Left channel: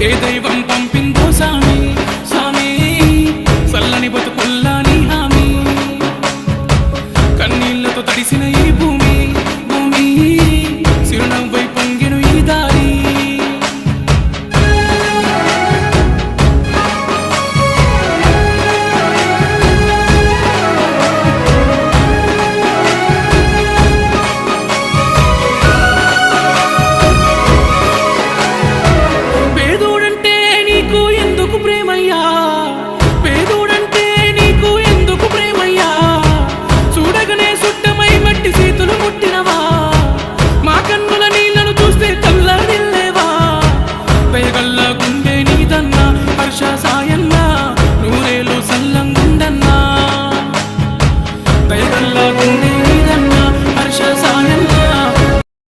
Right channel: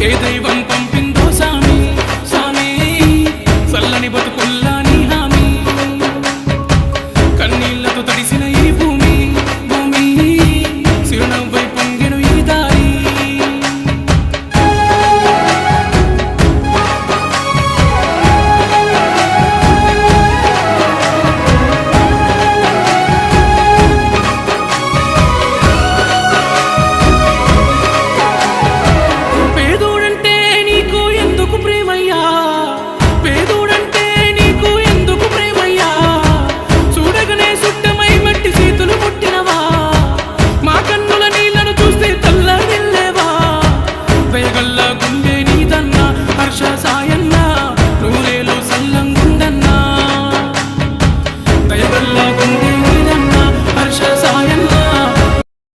ఏ దైవం పంపిందో సామి సామి చల్లని బతుకుల్లా నీ హామీ కన్నీళ్లతో తడిసిన ఈ భూమి భూమి చిరునవ్వై పొంగెను ఈ దారి పేదోడంటే నీకు ఎందుకు ప్రేమయ్యా చూడగనే సుట్టమై మట్టి చేతులు ముట్టినవా మా కన్నుల నీళ్లను చూస్తే తల్లడిల్లేవా దయగల్లా గుండె నీదన్నా హర్ష సాయన్నా నూరేలు సల్లంగుండన్నా దయగల్లా గుండె నీదన్నా హర్ష సాయన్నా